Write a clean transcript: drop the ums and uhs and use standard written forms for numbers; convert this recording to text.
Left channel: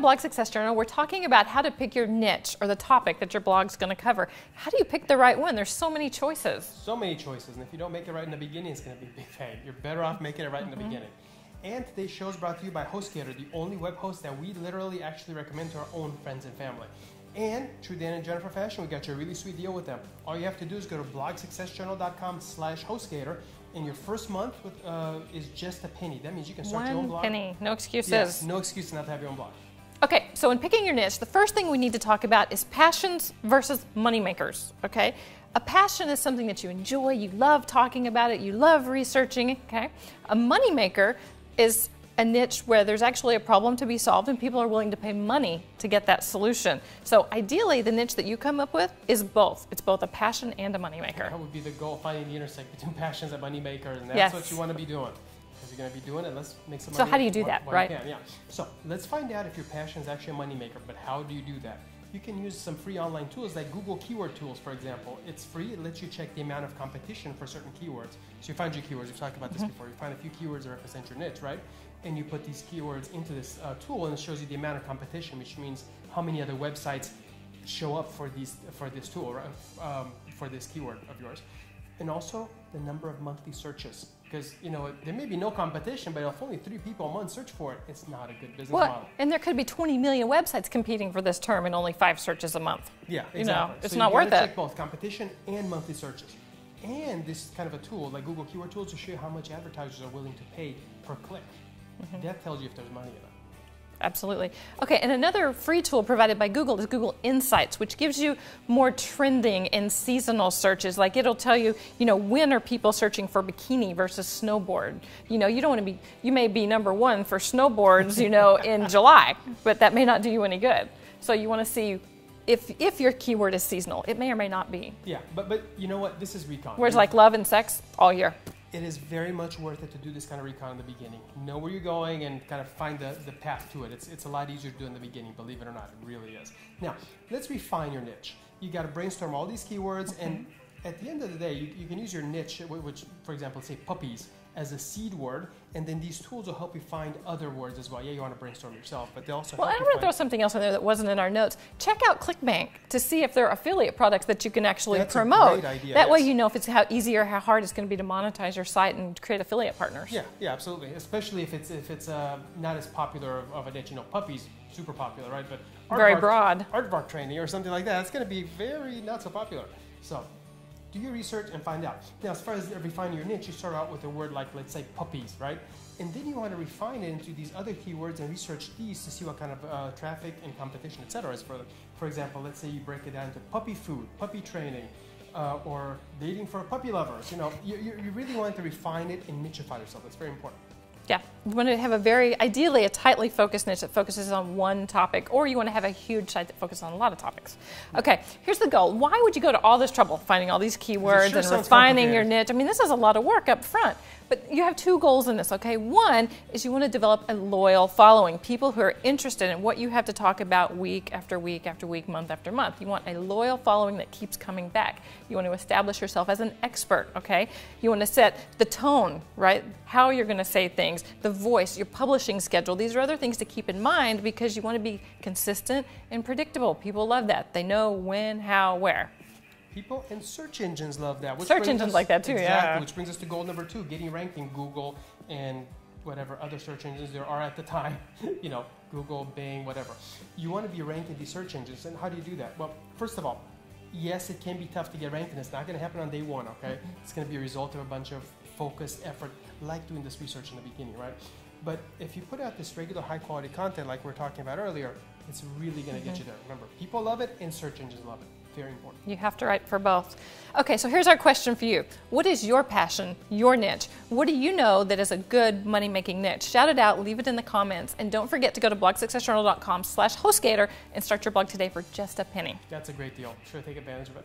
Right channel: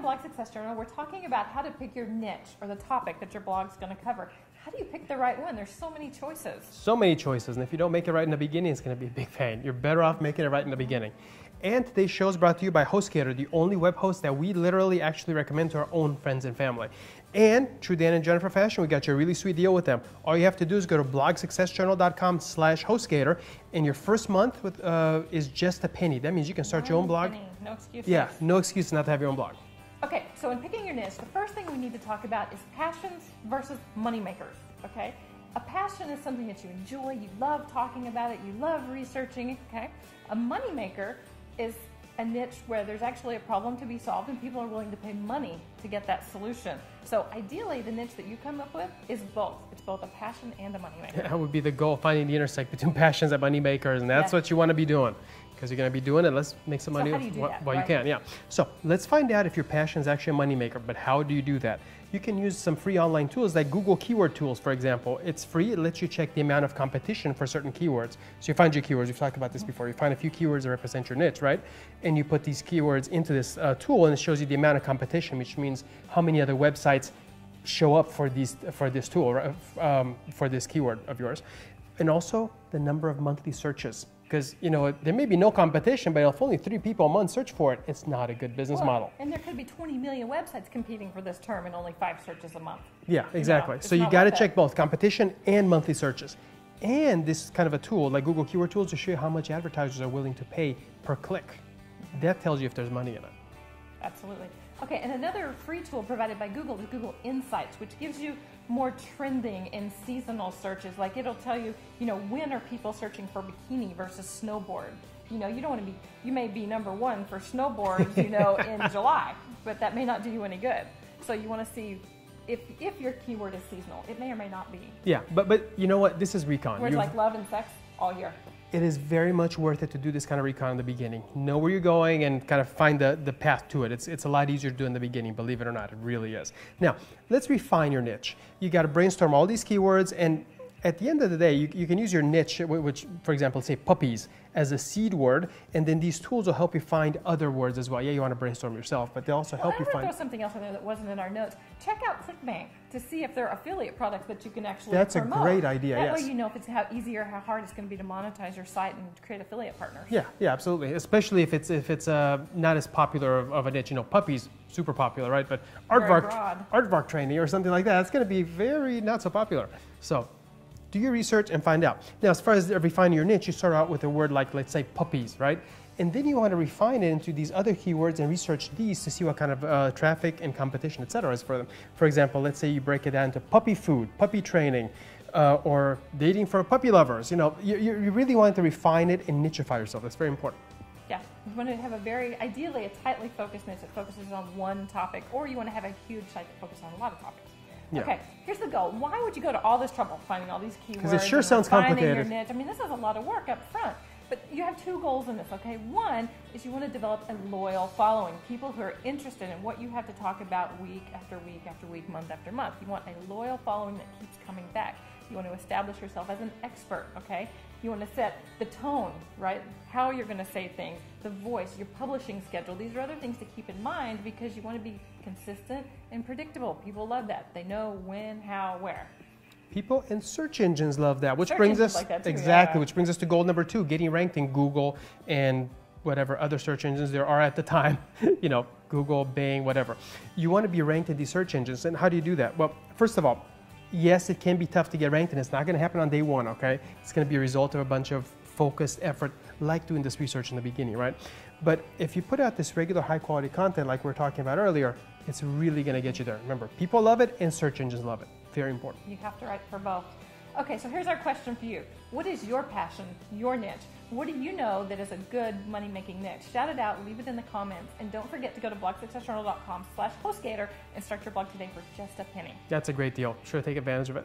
on Blog Success Journal, we're talking about how to pick your niche or the topic that your blog's going to cover. How do you pick the right one? There's so many choices. So many choices, and if you don't make it right in the beginning, it's going to be a big pain. You're better off making it right in the beginning. And today's show is brought to you by HostGator, the only web host that we literally actually recommend to our own friends and family. And through Dan and Jennifer Fashion, we got you a really sweet deal with them. All you have to do is go to blogsuccessjournal.com/HostGator, and your first month is just a penny. That means you can start your own blog. Penny, no excuses. Yes, no excuse not to have your own blog. Okay, so in picking your niche, the first thing we need to talk about is passions versus money makers, okay? A passion is something that you enjoy, you love talking about it, you love researching, okay? A money maker is a niche where there's actually a problem to be solved and people are willing to pay money to get that solution. So ideally, the niche that you come up with is both. It's both a passion and a moneymaker. That would be the goal, finding the intersect between passions and money makers, and that's what you want to be doing. Because you're going to be doing it, let's make some money. So how do you do that, while right? you can, yeah. So let's find out if your passion is actually a money maker, but how do you do that? You can use some free online tools like Google Keyword Tools, for example. It's free. It lets you check the amount of competition for certain keywords. So you find your keywords. We've talked about this before. You find a few keywords that represent your niche, right? And you put these keywords into this tool, and it shows you the amount of competition, which means how many other websites show up for this tool, right? For this keyword of yours. And also the number of monthly searches. Because, you know, there may be no competition, but if only 3 people a month search for it, it's not a good business model. And there could be 20 million websites competing for this term and only 5 searches a month. Yeah, exactly. You know, so you got to check both competition and monthly searches. And this is kind of a tool like Google Keyword Tools to show you how much advertisers are willing to pay per click. That tells you if there's money in it. Absolutely. Okay, and another free tool provided by Google is Google Insights, which gives you more trending and seasonal searches. Like it'll tell you, when are people searching for bikini versus snowboard? You don't want to be, you may be #1 for snowboards, in July, but that may not do you any good. So you want to see if your keyword is seasonal. It may or may not be. Yeah, but you know what? This is recon. Whereas like love and sex, all year. It is very much worth it to do this kind of recon in the beginning. Know where you're going and kind of find the path to it. It's a lot easier to do in the beginning, believe it or not. It really is. Now, let's refine your niche. You got to brainstorm all these keywords, and at the end of the day, you can use your niche, which, for example, say puppies, as a seed word, and then these tools will help you find other words as well. Yeah, you want to brainstorm yourself, but they also help you find... I'm going to throw something else in there that wasn't in our notes. Check out ClickBank to see if there are affiliate products that you can actually promote. That's a great idea, That way you know if it's how easy or how hard it's going to be to monetize your site and create affiliate partners. Yeah, absolutely. Especially if it's not as popular of a niche. Puppies, super popular, right? But very broad. Aardvark training or something like that, it's going to be very not so popular. So do your research and find out. Now, as far as refining your niche, you start out with a word like, let's say, puppies, right? And then you want to refine it into these other keywords and research these to see what kind of traffic and competition, et cetera, is for them. For example, let's say you break it down to puppy food, puppy training, or dating for puppy lovers. You really want to refine it and nicheify yourself. That's very important. Yeah, you want to have ideally a tightly focused niche that focuses on one topic, or you want to have a huge site that focuses on a lot of topics. Yeah. Okay, here's the goal. Why would you go to all this trouble finding all these keywords and refining your niche? I mean, this is a lot of work up front. But you have 2 goals in this, okay? One is you want to develop a loyal following, people who are interested in what you have to talk about week after week after week, month after month. You want a loyal following that keeps coming back. You want to establish yourself as an expert, okay? You want to set the tone, right? How you're going to say things, the voice, your publishing schedule. These are other things to keep in mind because you want to be consistent and predictable. People love that. They know when, how, where. People and search engines love that. Search engines like that too, exactly, which brings us to goal number 2, getting ranked in Google and whatever other search engines there are at the time. Google, Bing, whatever. You want to be ranked in these search engines, and how do you do that? Well, first of all, yes, it can be tough to get ranked, and it's not going to happen on day 1, okay? It's going to be a result of a bunch of focused effort, like doing this research in the beginning, right? But if you put out this regular high-quality content like we were talking about earlier, it's really going to get you there. Remember, people love it, and search engines love it. Very important. You have to write for both. Okay, so here's our question for you. What is your passion, your niche? What do you know that is a good money-making niche? Shout it out, leave it in the comments, and don't forget to go to blogsuccessjournal.com/HostGator and start your blog today for just a penny. That's a great deal. Sure, take advantage of it.